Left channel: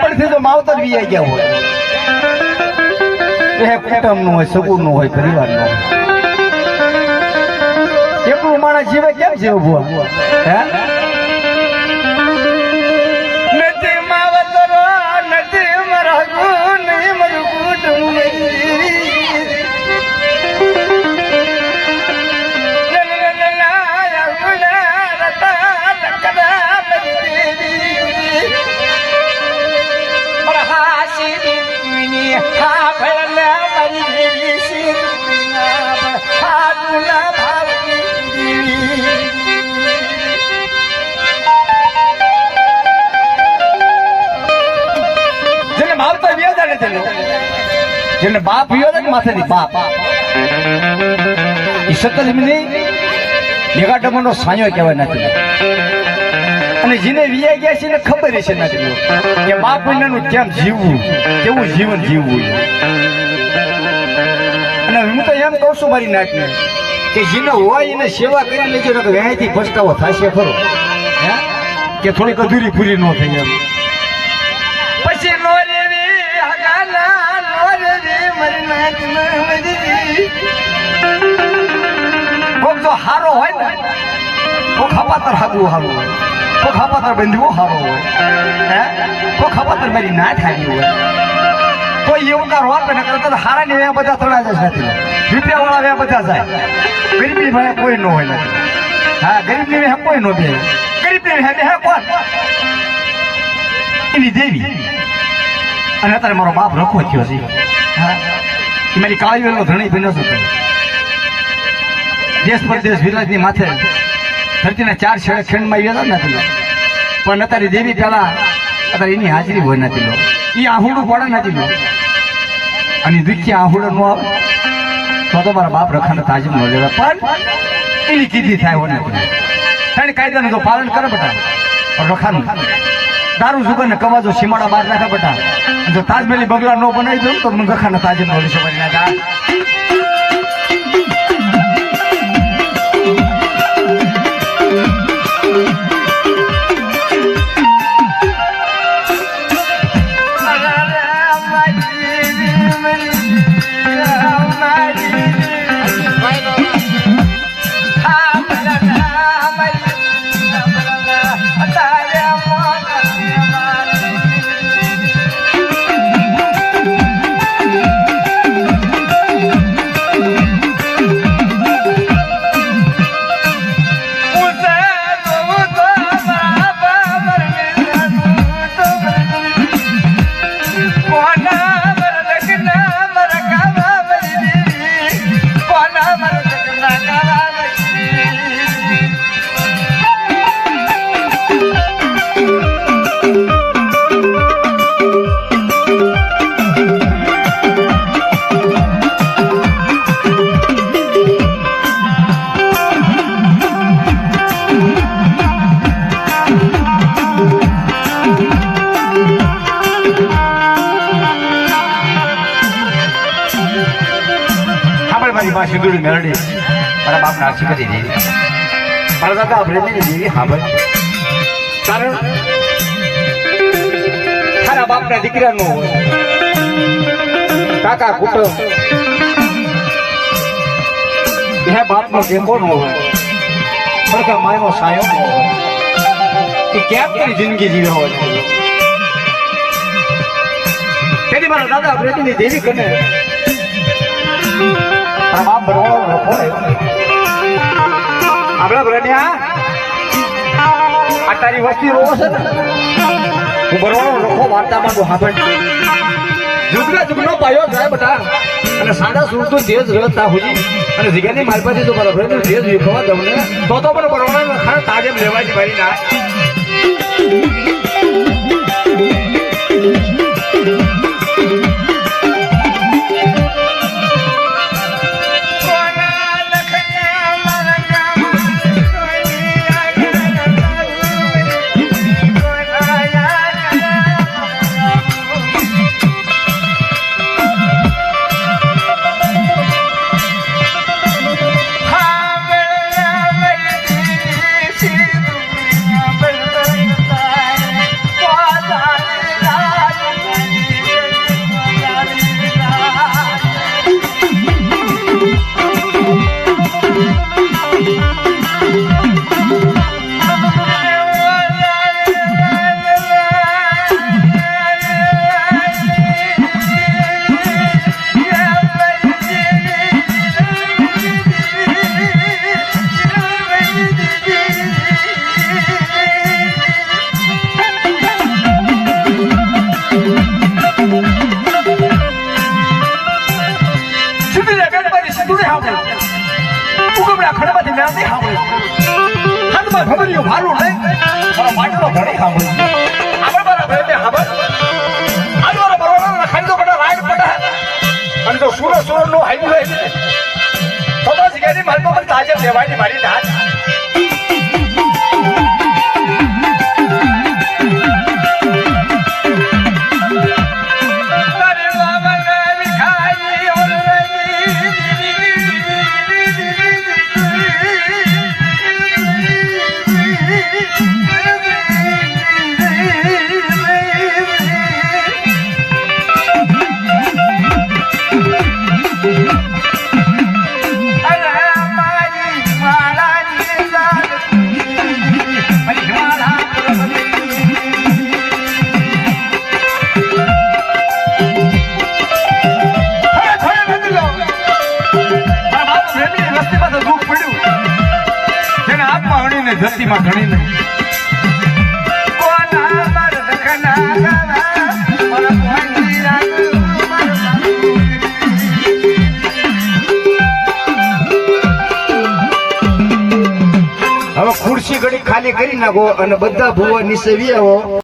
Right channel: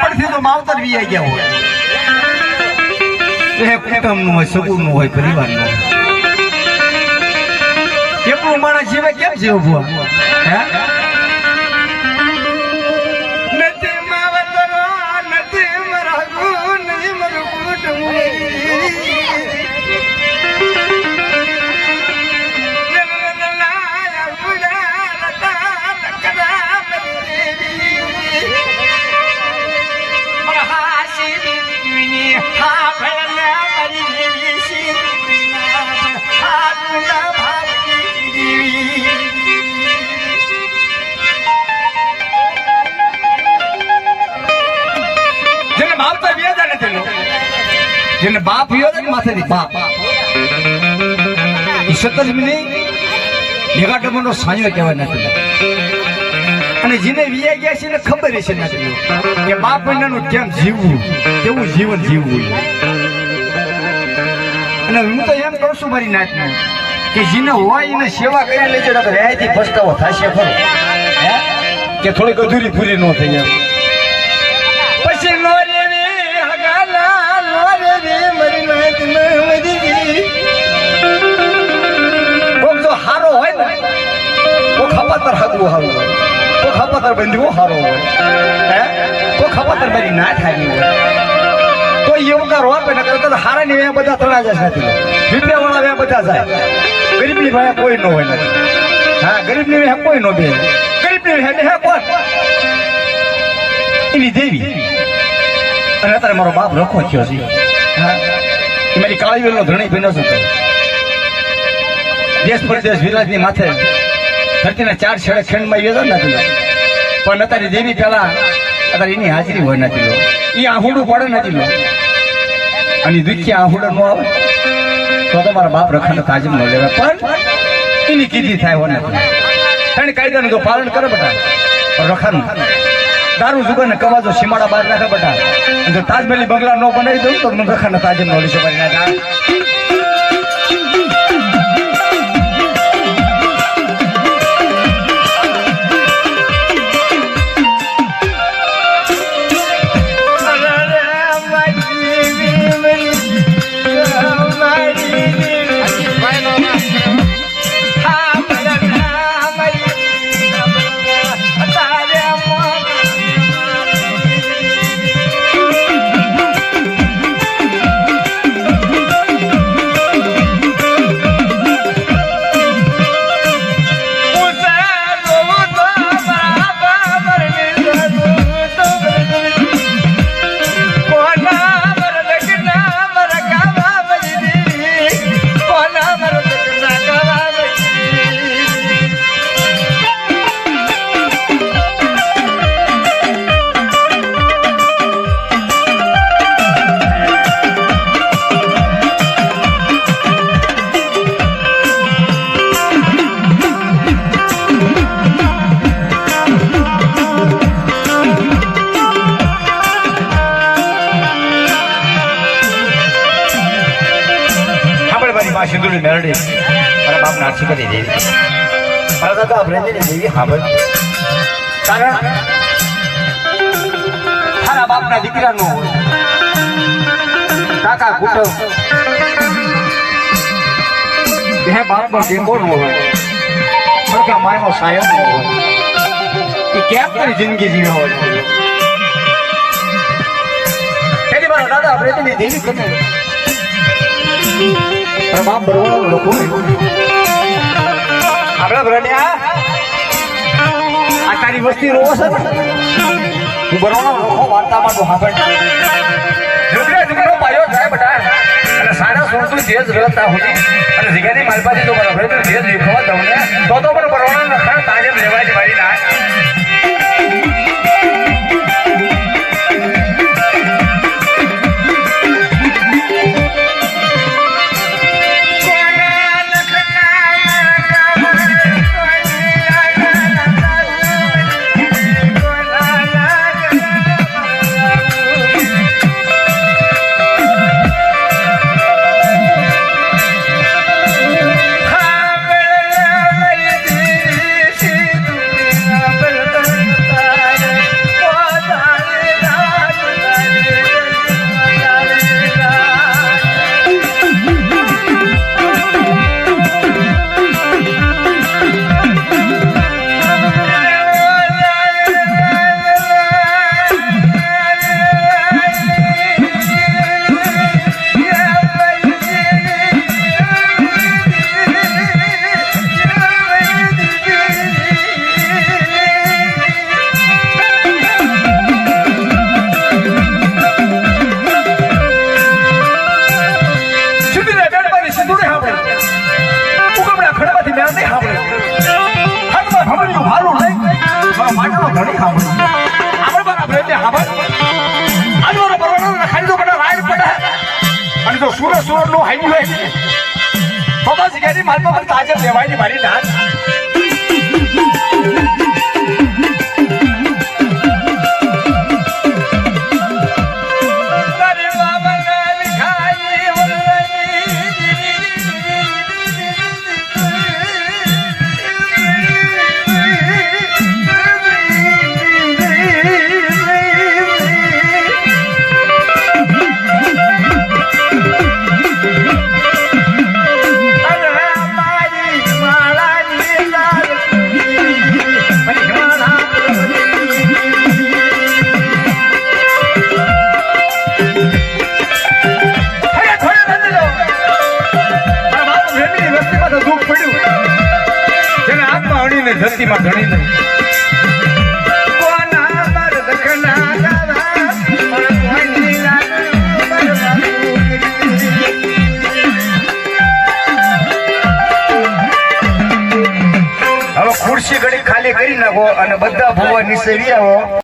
નાનપણથી તો માવતર વી ગયા હોય. એ કુટુંબનું હોય સગું નું હોય પરિવારનું હોય. એટલું માણસ જીવે કેમ જીવે બુઆ હે? માવતર વ્યાજા નથી લો. જેને બાપ માથેથી બાપ જીવવું? કેવું જીવન જીવવું અને હું તો એમ કહું છું મારી નાતને કે જેને હોય એને સેવા કર્યા લેજો ને તો વ્યાયથી કે થોડીક અધૂરી પૂરી ન થઈ કોક તો હારો હોય ને, કોક હપાતર હાગવું હારું હોય. કોક હપાતર બંધવું હારો હોય. હે? કોક હપાતર મારી ના થાય હોય. કોઈ યોગદાર હોય કે ન કરતા હારા ની વ્યા બધા જશે નથી. વિદ્યા વાળા વ્યા જાય. ગરીબની ભાઈ કોઈ ન હોય હા, ગરીબની વ્યા કોઈ નો દે ગરીબની વ્યા હે કોણ? એની દેવી. અને અત્યારે મારો બાપ રખો થયો છે. હા. મારી કાળી વેલો ધણી ભીનો નથી દેશ પરદેશ વિરાજની માથે ધરતીના ચાર છેડે છેડમાં આવ્યો નથી પણ અત્યારે દેવી પેલા અત્યારે એની હાજરી હોય નથી લો. એ આહુડું પડે નથી અને દ્વિતીય આહુડો નો આવે તો તો મારા બાપ રખાને તાજીમ ન લેવા પણ એની કીધી થાય હોય નથી. કારણ કાયદાનું તો પાલન કરે બધા. રખાનું. દારૂ જુગાર ને કવાજો સીમાડા બહાર નાખે બેટા. જો તાજમહેલી બગલા ન બનાવી દઉં તો મને રખાને તાજીમ મળી લઈ ના સિંદુરી મેળડી. મારા બાપના કરી દેવી. મારા દાદા અભ્રેજીની દેવી હાબળ કારણ મારા બાપના દીકરાનું કાકા કુટુંબ બે બાપનો ટેકો ન હોય. સરકાર માયનો સાહેબ ન હોય. કેમ કરી જિંદગી જીવી હોય? મારા દાદા અભ્રેજીની દેવી ગમે. પણ બાપ બરોબર લોકો આપણે આ તારી વસ્તી રોવો છે હું બરોબર વાર્તામાં તો હાંભળ જુગડા જુગડો પાયો થાય અને સાડા સુરસો દેશ ગળતા હોય અને જગ્યાની માલપાથી તો બરોબર. દેશ વિખવા દઉં ને. તો તો બરોબર ખાને તાજેમ લેવાય જ ભાઈ ના. સાંભળ્યું આગળ બરાબર એટલે ખબર આજો રે બરોબર લખાઈ દો બેટા રાઈટ પડે. અને જો સુર સુર નો હાઈવું હોય, તો બસ ગેરી મારી પાસે તાજર લેવાયની મારી દાંત ધરતીમાં ઘણી નહીં હવે ખુરશી ઘડી ખાલી કરી નાખો અને બધા ભૂવા નીચે આવો